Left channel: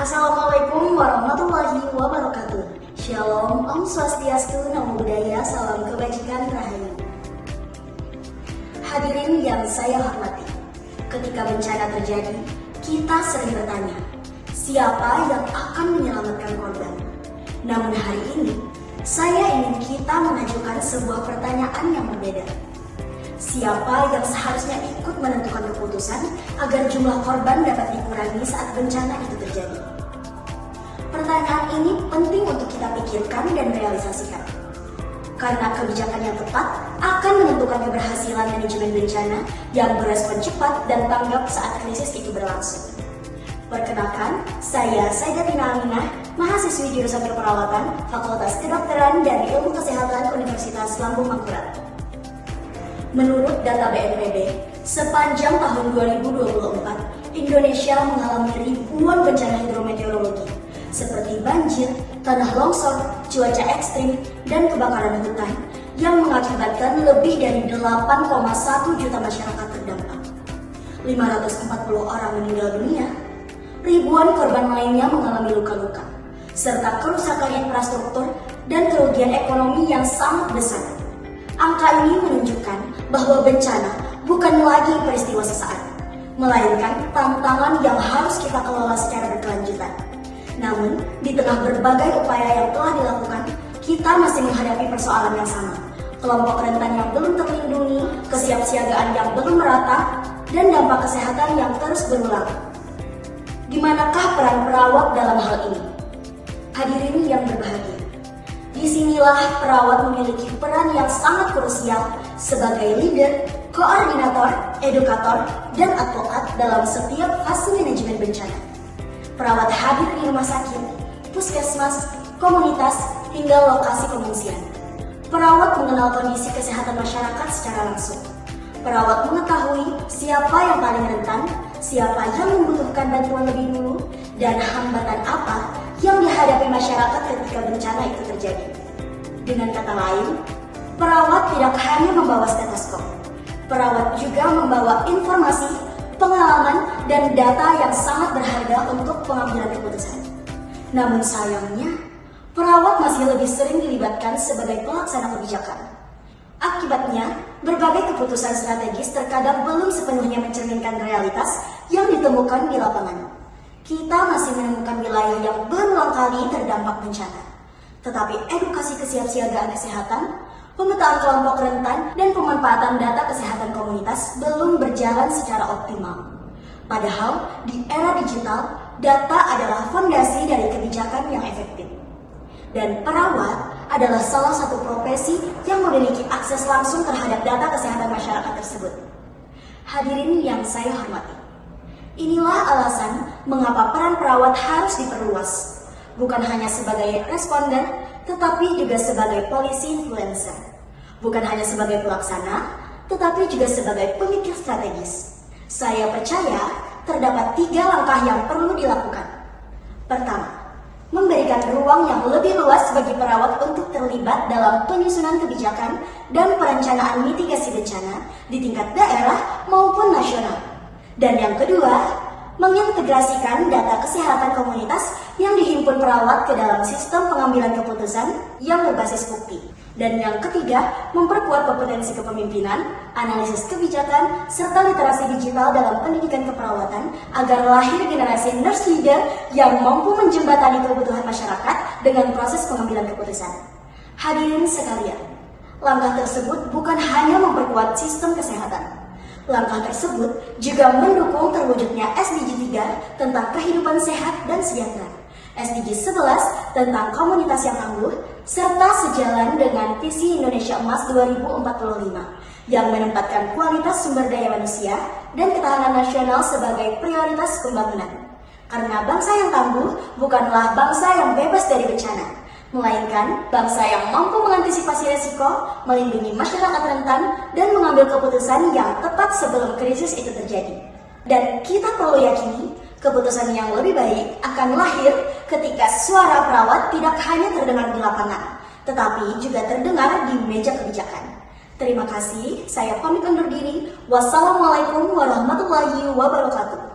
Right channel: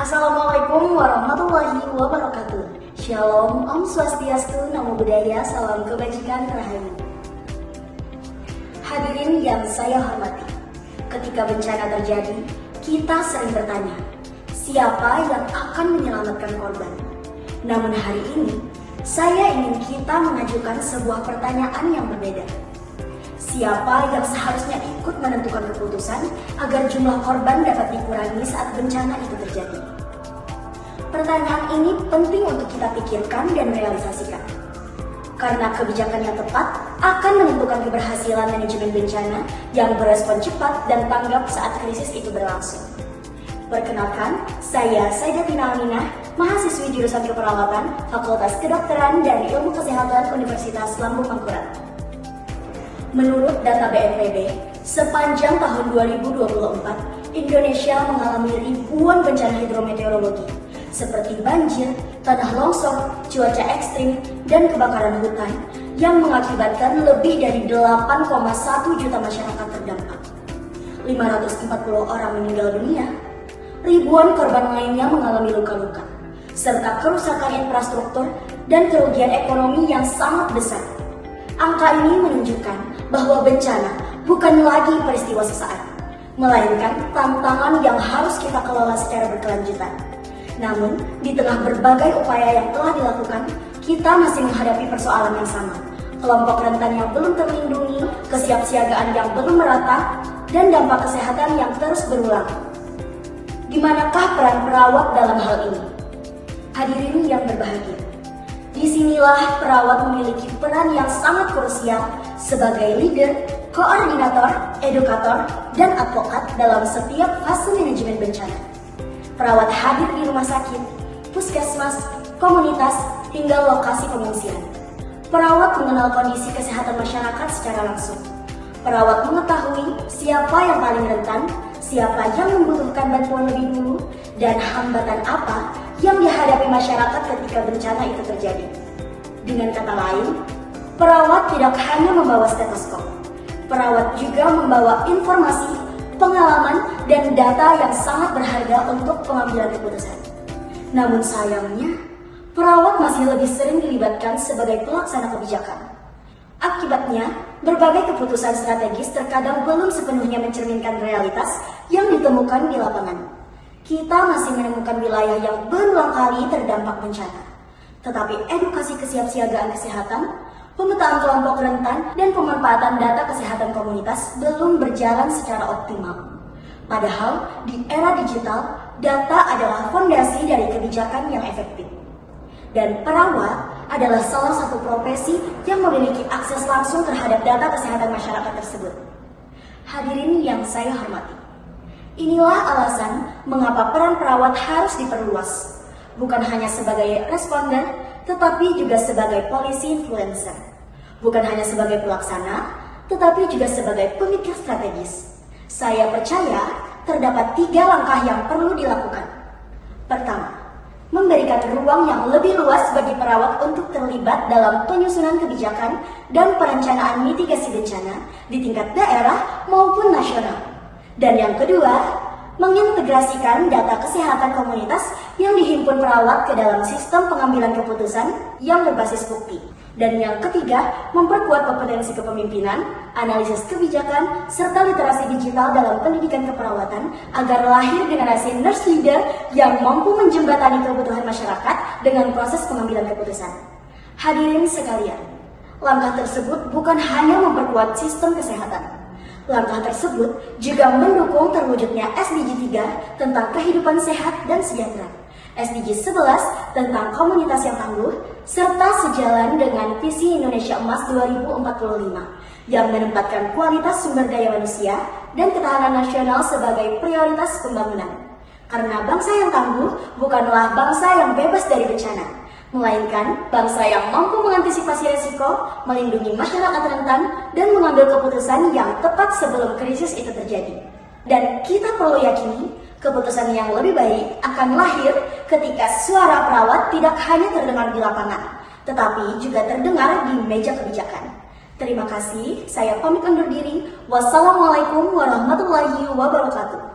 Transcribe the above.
Assalamualaikum warahmatullahi wabarakatuh. Shalom, Om Swastiastu, Namo Buddhaya, salam kebajikan rahayu. Hadirin yang saya hormati, ketika bencana terjadi, kita sering bertanya, siapa yang akan menyelamatkan korban? Namun hari ini, saya ingin kita mengajukan sebuah pertanyaan yang berbeda. Siapa yang seharusnya ikut menentukan keputusan agar jumlah korban dapat dikurangi saat bencana itu terjadi? Pertanyaan ini penting untuk kita pikirkan dan realisasikan. Karena kebijakan yang tepat akan menentukan keberhasilan manajemen bencana yang berespon cepat dan tanggap saat krisis itu berlangsung. Perkenalkan, saya Sayyidatina Aminah, mahasiswi jurusan keperawatan, Fakultas Kedokteran dan Ilmu Kesehatan Universitas Lambung Mangkurat. Menurut data BNPB, sepanjang tahun 2024, Indonesia mengalami ribuan bencana hidrometeorologi seperti banjir, tanah longsor, cuaca ekstrim, dan kebakaran hutan yang mengakibatkan lebih dari 8,1 juta masyarakat terdampak. 540 orang meninggal dunia, ribuan korban lainnya mengalami luka-luka, serta kerusakan infrastruktur dan kerugian ekonomi yang sangat besar. Angka ini menunjukkan bahwa bencana bukan lagi peristiwa sesaat, melainkan tantangan yang harus kita kelola secara berkelanjutan. Namun, di tengah berbagai upaya yang telah dilakukan, kita masih menghadapi persoalan yang sama. Kelompok rentan yang belum terlindungi, kesiapsiagaan yang belum merata, dan dampak kesehatan yang terus berulang. Di manakah peran perawat dalam hal ini? Hadirin yang berbahagia, disinilah perawat memiliki peran yang sangat krusial sebagai leader, koordinator, edukator, dan advokat dalam setiap fase manajemen bencana. Perawat hadir di rumah sakit, puskesmas, komunitas, hingga lokasi pengungsian. Perawat mengenal kondisi kesehatan masyarakat secara langsung. Perawat mengetahui siapa yang paling rentan, siapa yang membutuhkan bantuan lebih dulu, dan hambatan apa yang dihadapi masyarakat ketika bencana itu terjadi. Dengan kata lain, perawat tidak hanya membawa stetoskop. Perawat juga membawa informasi, pengalaman, dan data yang sangat berharga untuk pengambilan keputusan. Namun sayangnya, perawat masih lebih sering dilibatkan sebagai pelaksana kebijakan. Akibatnya, berbagai keputusan strategis terkadang belum sepenuhnya mencerminkan realitas yang ditemukan di lapangan. Kita masih menemukan wilayah yang berulang kali terdampak bencana. Tetapi edukasi kesiapsiagaan kesehatan, pemetaan kelompok rentan, dan pemanfaatan data kesehatan komunitas belum berjalan secara optimal. Padahal, di era digital, data adalah fondasi dari kebijakan yang efektif. Dan perawat adalah salah satu profesi yang memiliki akses langsung terhadap data kesehatan masyarakat tersebut. Hadirin yang saya hormati, inilah alasan mengapa peran perawat harus diperluas, bukan hanya sebagai responder, tetapi juga sebagai polisi influencer. Bukan hanya sebagai pelaksana, tetapi juga sebagai pemikir strategis. Saya percaya terdapat 3 langkah yang perlu dilakukan. Pertama, memberikan ruang yang lebih luas bagi perawat untuk terlibat dalam penyusunan kebijakan dan perencanaan mitigasi bencana di tingkat daerah maupun nasional. Dan yang kedua, mengintegrasikan data kesehatan komunitas yang dihimpun perawat ke dalam sistem pengambilan keputusan yang berbasis bukti. Dan yang ketiga, memperkuat kompetensi kepemimpinan, analisis kebijakan, serta literasi digital dalam pendidikan keperawatan agar lahir generasi nurse leader yang mampu menjembatani kebutuhan masyarakat dengan proses pengambilan keputusan. Hadirin sekalian, langkah tersebut bukan hanya memperkuat sistem kesehatan. Langkah tersebut juga mendukung terwujudnya SDG 3 tentang kehidupan sehat dan sejahtera, SDG 11 tentang komunitas yang tangguh, serta sejalan dengan visi Indonesia Emas 2045 yang menempatkan kualitas sumber daya manusia dan ketahanan nasional sebagai prioritas pembangunan. Karena bangsa yang tangguh bukanlah bangsa yang bebas dari bencana, melainkan bangsa yang mampu mengantisipasi resiko, melindungi masyarakat rentan, dan mengambil keputusan yang tepat sebelum krisis itu terjadi. Dan kita perlu yakini, keputusan yang lebih baik akan lahir ketika suara perawat tidak hanya terdengar di lapangan, tetapi juga terdengar di meja kebijakan. Terima kasih, saya pamit undur diri. Wassalamualaikum warahmatullahi wabarakatuh.